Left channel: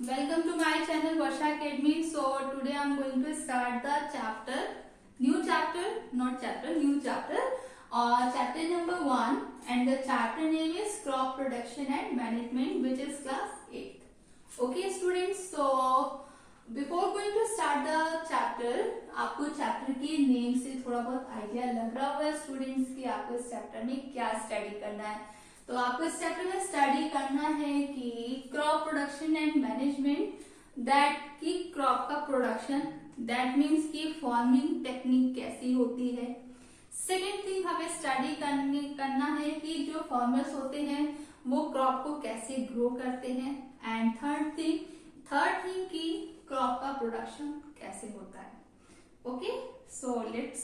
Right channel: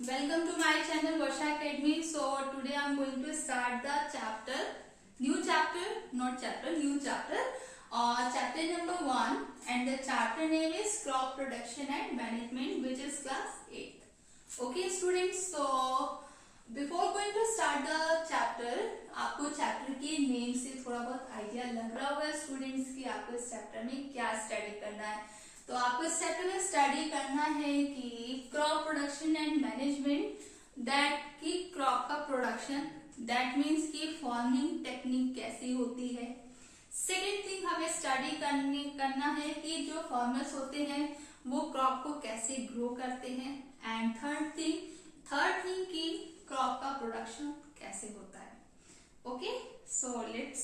Welcome to my channel Varsha Academy. So today I am going to start the new chapter, chapter number 1, and the chapter name is Crop Production and Management, which is class 8. Okay students, so before going to start the chapter, आपको chapter के name से थोड़ा बहुत idea लग रहा होगा students कि आपको इस चैप्टर में क्या स्टडी करना है। तो आपको इस चैप्टर में स्टडी करना है कि crop production and management, that की क्रॉप का प्रोडक्शन, दैट मीन्स कि फार्मिंग टेक्निक कैसी होती है। सेकेंड थिंग हमें स्टडी करना है कि जो फार्मर्स होते हैं वो क्रॉप को कैसे ग्रो करते हैं। एंड थर्ड थिंग की क्रॉप का प्रोडक्शन कैसे होता है। Okay, so let's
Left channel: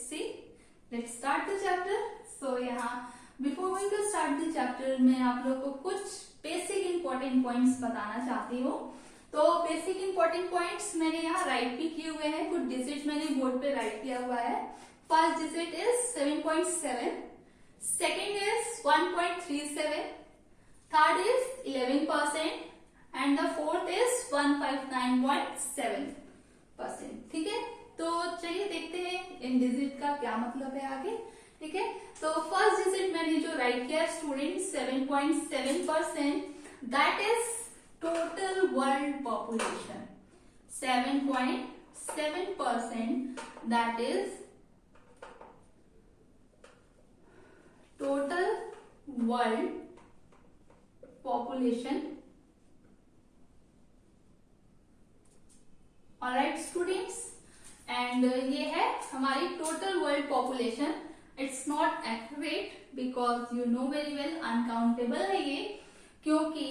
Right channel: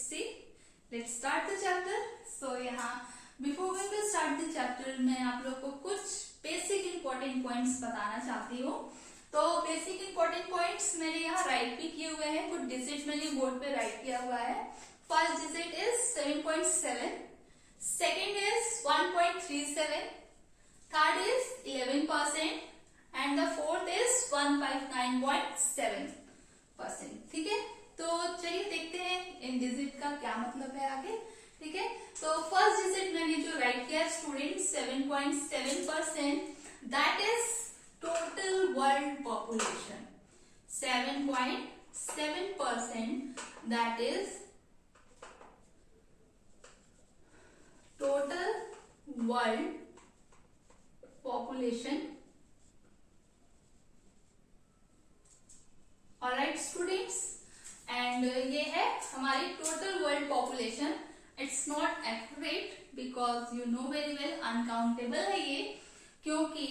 start the chapter. So यहाँ before going to start the chapter मैं आप लोग को कुछ बेसिक इंपॉर्टेंट पॉइंट्स बताना चाहती हूँ। तो बेसिक इंपॉर्टेंट पॉइंट्स मैंने यहाँ राइट भी किए हुए हैं, कुछ डिजिट मैंने बोर्ड पे राइट किया हुआ है। First digit is 7.7, second is 1.37, third is 11% and the fourth is 159.7%। ठीक है, तो चलिए देखते हैं इन डिजिट का क्या मतलब है आगे। ठीक है, तो फर्स्ट डिजिट मैंने जो राइट किया student 7.7%, that is total world population. 7.7% that is total world population. Alright students, and ये है हमारी total world population. It's not accurate because you know very well uncountable है ये, क्योंकि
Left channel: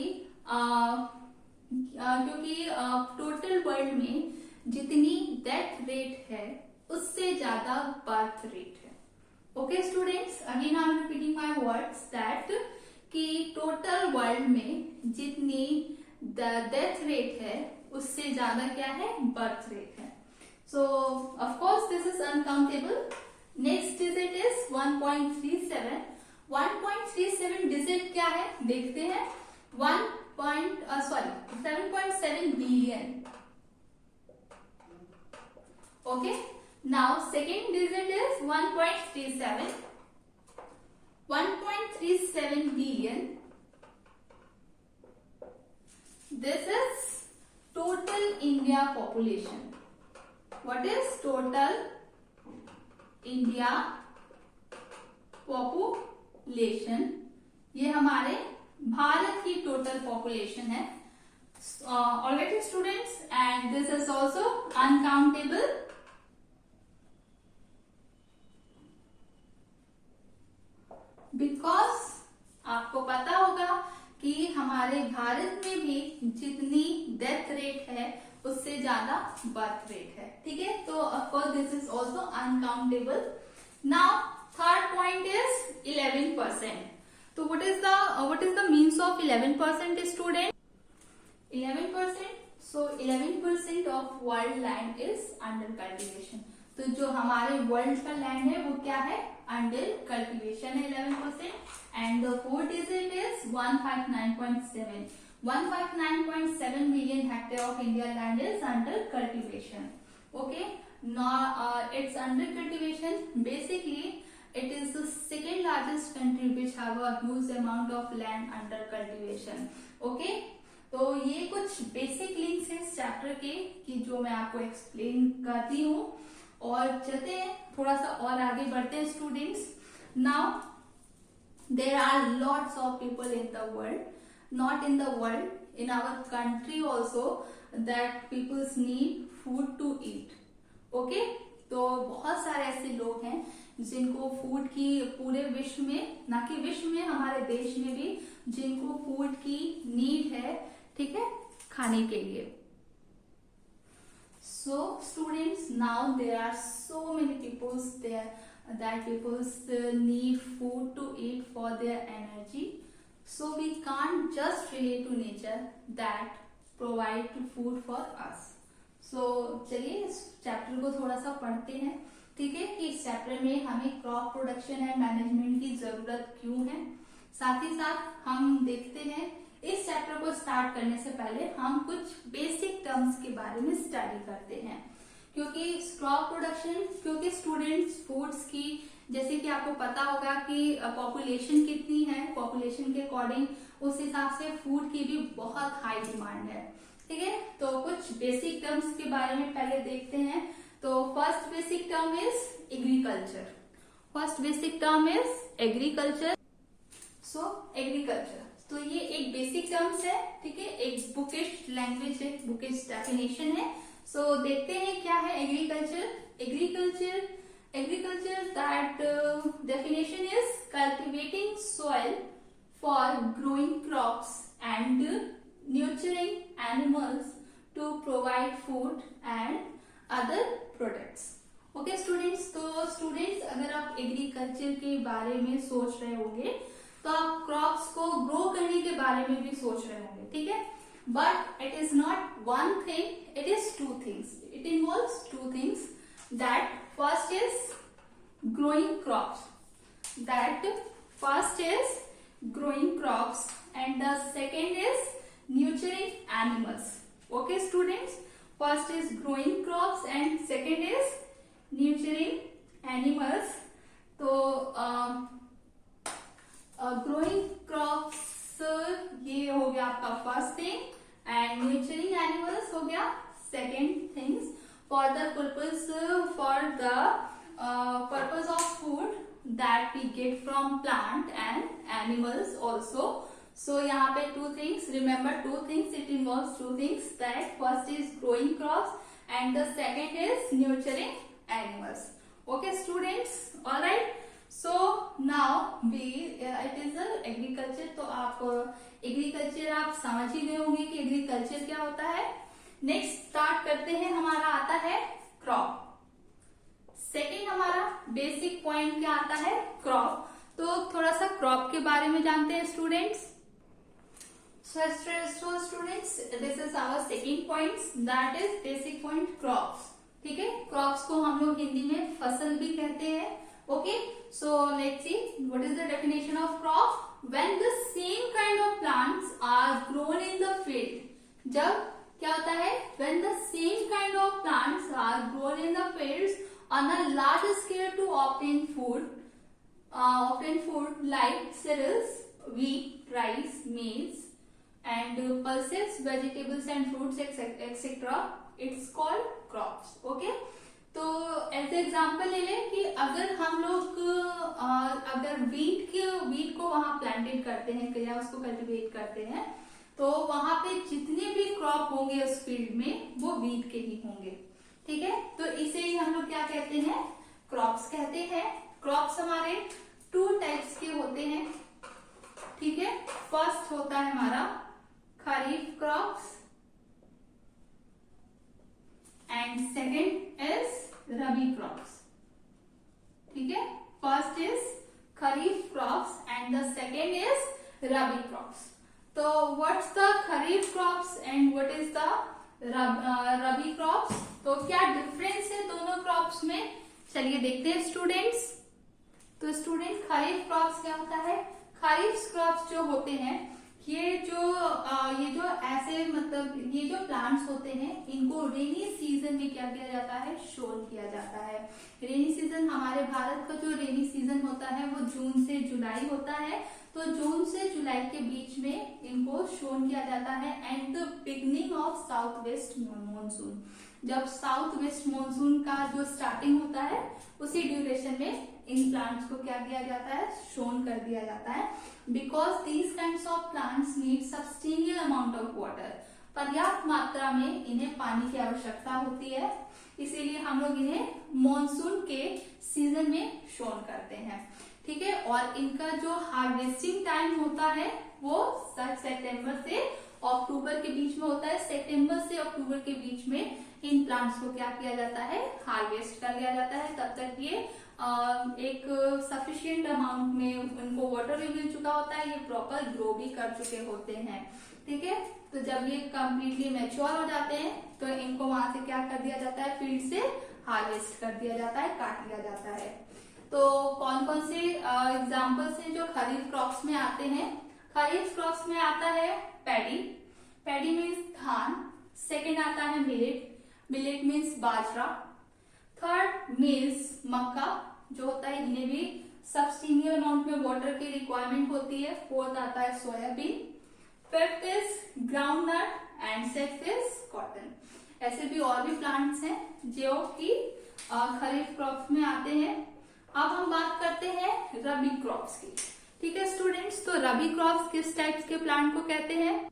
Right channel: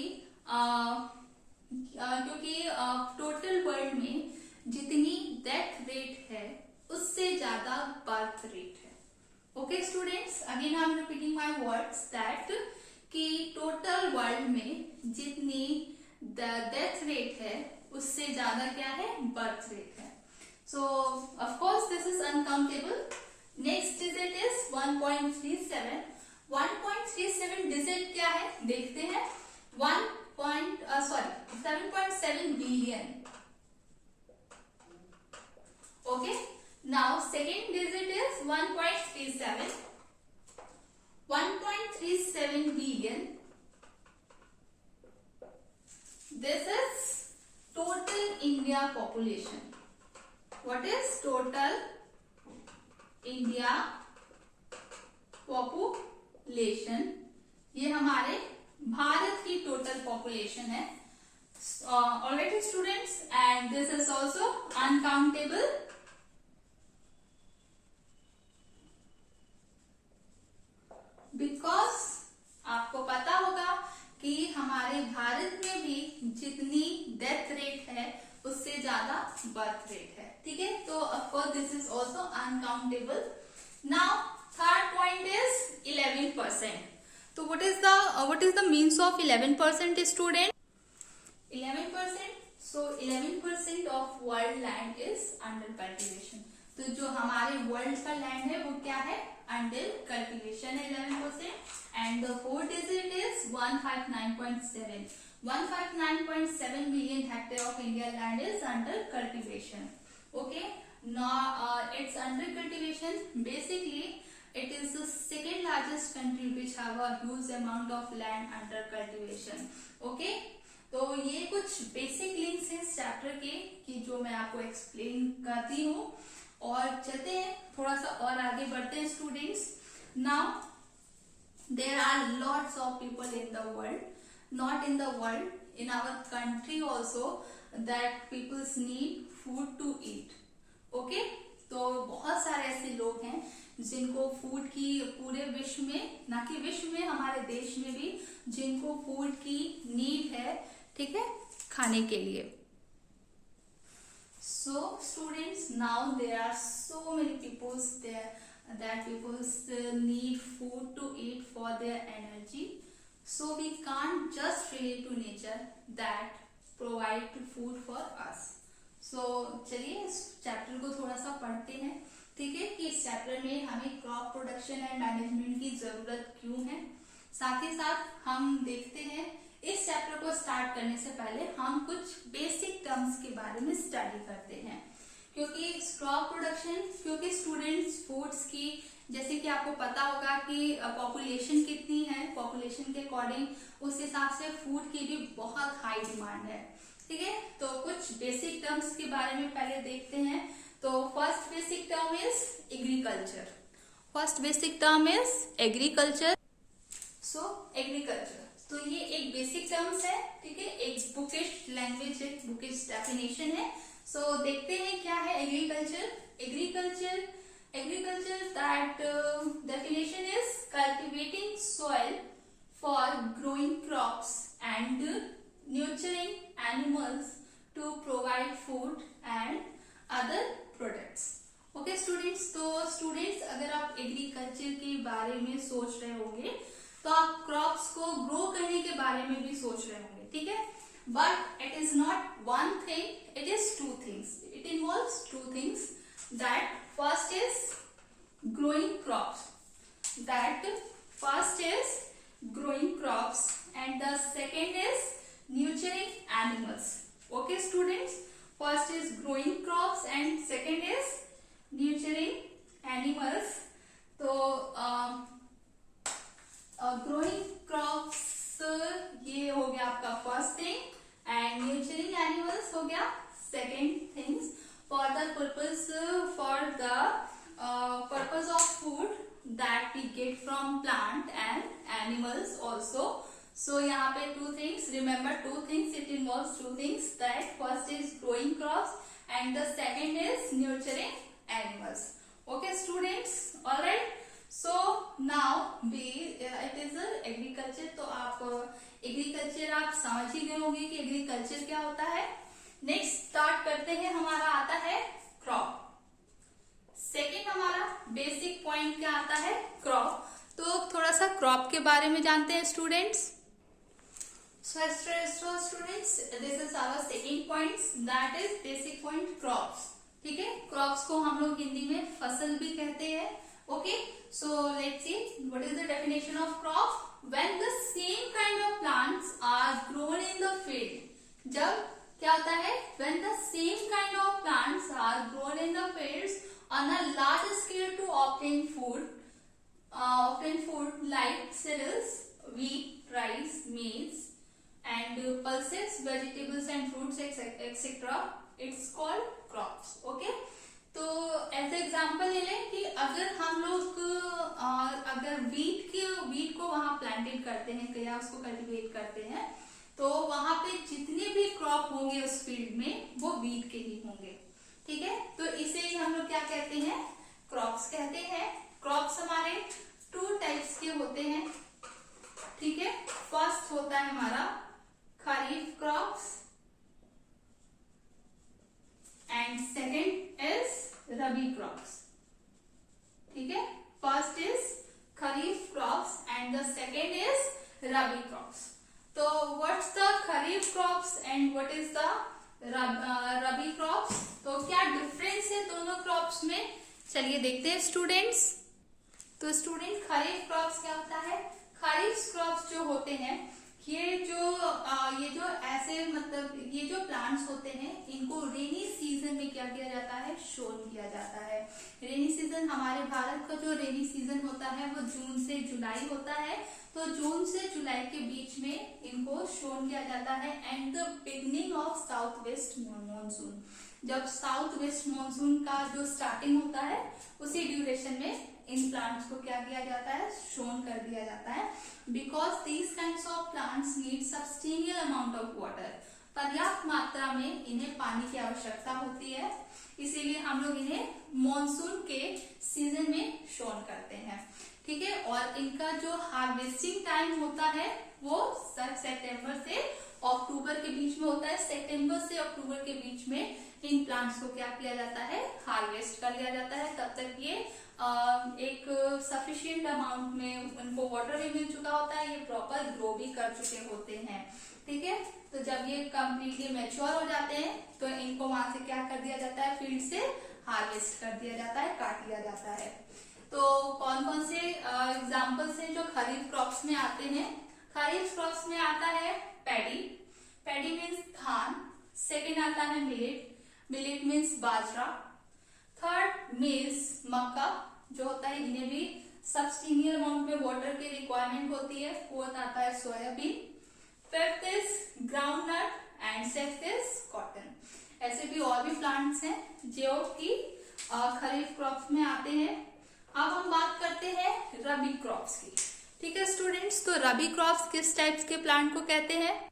टोटल वर्ल्ड में जितनी डेथ रेट है उससे ज्यादा बर्थ रेट है। Okay students, again I am repeating my words that कि टोटल वर्ल्ड में जितनी डेथ रेट है उससे ज्यादा क्या है, बर्थ रेट है। सो of course this is uncountable. Next digit is 1.37। 1.37 digit क्या है देखते हैं। 7.7 billion. Okay, now second digit is 1.37। 1.37 billion, this is total India population. What is total India population? ये हमारे भारत की टोटल पॉपुलेशन है। Alright students, and this is also uncountable. Because आपको पता होगा कि हमारे भारत में भी जितनी डेथ रेट है उससे ज्यादा बर्थ रेट है। ठीक है, तो of course this is also uncountable. Now third point is 11%। तो what is the means of 11% student? 11%, so 11% of world land is under cultivation. तो जो हमारे वर्ल्ड का लैंड है वो क्या है, अंडर कल्टिवेशन है 11%। And the fourth digit is 159.7। 159.7 million hectare of India land is under cultivation. Okay, now it's under cultivation. Basically, it is the second largest country which have a huge amount of land under cultivation. Okay, तो ये कुछ basic links हैं इस chapter के कि जो मैं आपको एक्सप्लेन करती हूँ। और चलते हैं थोड़ा सा और आगे बढ़ते हैं students. Now there are lots of people in the world, not in the world, in our country also, that people need food to eat. Okay, तो बहुत सारे ऐसे लोग हैं जिनको फूड की पूरे विश्व में, ना कि विश्व में, हमारे देश में भी जिनको फूड की नीड है, ठीक है, खाने के लिए। So students, now there are so many people there that people still need food to eat for their energy. So we can't just relate to nature that provide food for us. So चलिए इस chapter को थोड़ा सा पढ़ते हैं। ठीक है, कि इस चैप्टर में हमें क्रॉप प्रोडक्शन एंड मैनेजमेंट की जरूरत क्यों है। साथ ही साथ हम देखते हैं इस चैप्टर को स्टार्ट करने से पहले हम कुछ बेसिक टर्म्स के बारे में स्टडी करते हैं, क्योंकि क्रॉप प्रोडक्शन, क्योंकि स्टूडेंट्स फूड्स की, जैसे कि आपको पता होगा कि पॉपुलेशन कितनी है, पॉपुलेशन के अकॉर्डिंग उस हिसाब से फूड की भी बहुत हाई डिमांड है। ठीक है, तो कुछ बेसिक टर्म्स के बारे में पहले देखते हैं। तो first basic term is agriculture. First basic term is agriculture. So agriculture, तो ये एक बेसिक टर्म्स है, ठीक है, एक बुकिश लैंग्वेज है, बुकिश डेफिनेशन है। सो देखते हैं क्या है agriculture. Agriculture that definition is cultivating soil for growing crops and nurturing animals to provide food and other products. Okay students, तो स्टूडेंट्स अगर आप एग्रीकल्चर के बारे में सोच रहे होंगे तो आप क्रॉप्स को ग्रो करने के बारे में भी सोच रहे होंगे, ठीक है, but it is not one thing, it is two things, it involves two things. That first is growing crops. That first is growing crops and the second is nurturing animals. Okay students, first is growing crops and second is nurturing animals. तो growing crops ये हो गया आपका first thing and nurturing animals हो गया second things. For the purpose of food that we get from plant and animals also. So यहाँ पे two things, remember two things, it involves two things, that first is growing crops and the second is nurturing animals. Okay students, alright. So now it is agriculture. तो आप agriculture आप समझ ही गए होंगे कि agriculture क्या होता है। नेक्स्ट स्टार्ट करते हैं, हमारा आता है क्रॉप। सेकेंड हमारा बेसिक पॉइंट क्या आता है, क्रॉप। तो थोड़ा सा क्रॉप के बारे में जानते हैं students. So students, this is our second point, that is basic point crops. ठीक है, क्रॉप्स को हम लोग हिंदी में फसल भी कहते हैं। Okay, so let's see what is the definition of crop. When the same kind of plants are grown in the field. जब क्या होता है, when the same kind of plants are grown in the fields on a large scale to obtain food like cereals, wheat, rice, maize and pulses, vegetables and fruits etc. It's called crops. Okay, तो as example ले लें कि अगर हम लोग अगर wheat को वहां प्लांटेड करते हैं या उसको कल्टीवेट करते हैं, तो वहां पे जितने भी क्रॉप होंगे उस फील्ड में वो वीट के ही होंगे। ठीक है, तो इसे ही हम लोग क्या कहते हैं, क्रॉप्स कहते हैं। क्रॉप्स हमारे टू टाइप्स के होते हैं। ठीक है, फर्स्ट होता है हमारा kharif crops and second is rabi crops. ठीक है, first is kharif crops and the second is rabi crops. तो what's the kharif crops and what is the rabi crops, तो क्या डिफरेंस है दोनों क्रॉप्स में, चलिए देखते हैं स्टूडेंट्स। तो स्टूडेंट, खरीफ क्रॉप्स क्या होता है, खरीफ क्रॉप्स जो होते हैं ये जो ऐसे मतलब ये जो प्लांट्स होते हैं इनको रेनी सीजन में क्या किया जाता है, शोन किया जाता है। रेनी सीजन, हमारे भारत का जो रेनी सीजन होता है वो जून से जुलाई होता है। तो जून से जुलाई के बीच में इनको शोन किया जाता है and the beginning of south west monsoon. जब साउथ वेस्ट मॉनसून का जो स्टार्टिंग होता है उसी ड्यूरेशन में इन प्लांट्स को क्या किया जाता है, शोन कर दिया जाता है। Because these kinds of plants need substantial amount of water. पर्याप्त मात्रा में इन्हें पानी की आवश्यकता होती है, इसीलिए हम लोग इन्हें मॉनसून के सीजन में शोन करते हैं। ठीक है, और इनका जो हार्वेस्टिंग टाइम होता है वो सितंबर से अक्टूबर के बीच में होता है। सितंबर से अक्टूबर के बीच में इन प्लांट्स को क्या किया जाता है, हार्वेस्ट कर लिया जाता है। तब तक ये एक सफिशिएंट अमाउंट में उनको वाटर भी मिल चुका होता है, ये प्रॉपर ग्रो भी कर चुके होते हैं। ठीक है, तो जब ये कंप्लीटली मैच्योर हो जाते हैं तो इनको वहां से क्या कर दिया जाता है, फील्ड से हार्वेस्ट कर दिया जाता है, काट लिया जाता है। तो कौन कौन से एग्जाम्पल्स हैं जो खरीफ क्रॉप्स में आते हैं। खरीफ क्रॉप्स में आता है पैडी, पैडी मीन्स धान। सेकेंड आता है मिलेट, मिलेट मीन्स बाजरा। थर्ड मीन्स मक्का जो होता है, इन्हें भी सब्सटीनियल अमाउंट में वाटर की रिक्वायरमेंट होती है। फोर्थ आता है soybean. Fifth is groundnut and sixth is cotton. ऐसे भी और भी प्लांट्स हैं जो कि खरीफ क्रॉप्स में आते हैं। अब हम बात करते हैं रबी क्रॉप्स की। ठीक है स्टूडेंट्स, तो रबी क्रॉप्स किस टाइप्स के प्लांट को कहते हैं?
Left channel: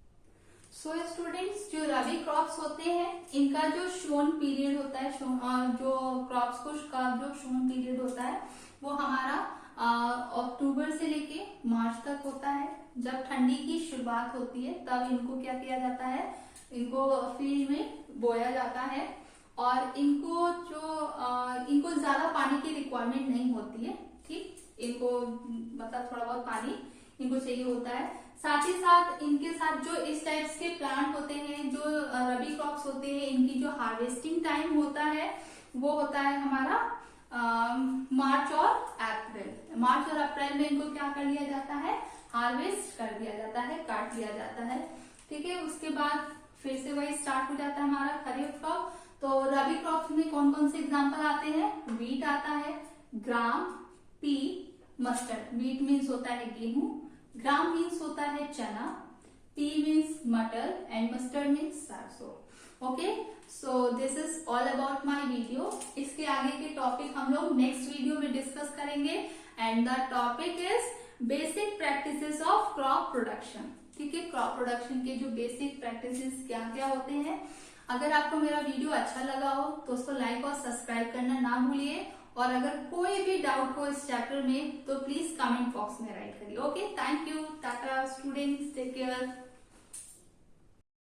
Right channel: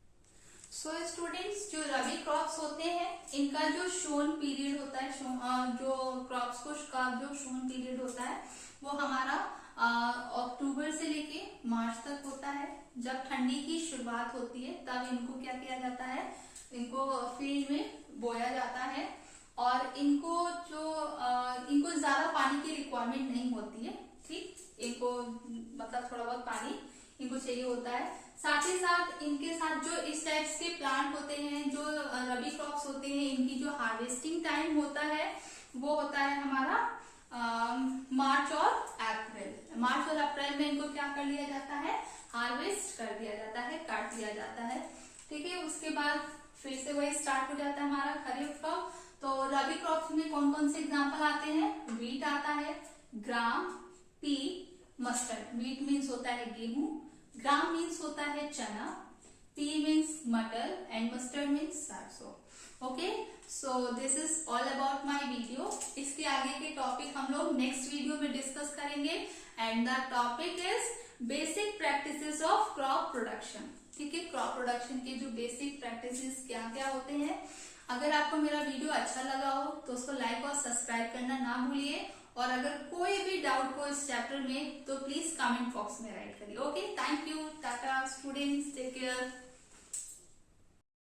सो स्टूडेंट्स, जो रबी क्रॉप्स होते हैं इनका जो शोन पीरियड होता है, जो क्रॉप्स को का जो शोन पीरियड होता है वो हमारा अक्टूबर से लेके मार्च तक होता है। जब ठंडी की शुरुआत होती है तब इनको क्या किया जाता है, इनको फील्ड में बोया जाता है। और इनको ज्यादा पानी की रिक्वायरमेंट नहीं होती है। ठीक, इनको मतलब थोड़ा बहुत पानी इनको चाहिए होता है। साथ ही साथ इनके साथ जो इस टाइप्स के प्लांट होते हैं, जो रबी क्रॉप्स होते हैं, इनकी जो हार्वेस्टिंग टाइम होता है वो होता है हमारा मार्च और अप्रैल। मार्च और अप्रैल में इनको क्या कर लिया जाता है, हार्वेस्ट कर दिया जाता है, काट लिया जाता है। ठीक है, उसके बाद फिर से वही स्टार्ट हो जाता है हमारा खरीफ क्रॉप। तो रबी क्रॉप्स में कौन कौन से एग्जाम्पल आते हैं? वीट आता है, ग्राम, पी, मस्टर्ड। वीट मीन्स होता है गेहूं, ग्राम मीन्स होता है चना, पी मीन्स मटर एंड मस्टर्ड मीन्स सरसों। Okay, so this is all about my video. इसके आगे के टॉपिक हम लोग नेक्स्ट वीडियो में डिस्कस करेंगे and the topic is basic practices of crop production. ठीक है, क्रॉप प्रोडक्शन के जो बेसिक प्रैक्टिसेस क्या क्या होते हैं। अगर आपको मेरा वीडियो अच्छा लगा हो तो उसको लाइक और सब्सक्राइब करना ना भूलिए। और अगर कोई भी डाउट हो इस चैप्टर में तो प्लीज कमेंट बॉक्स में राइट करिए। Okay, thank you, tata students, take care.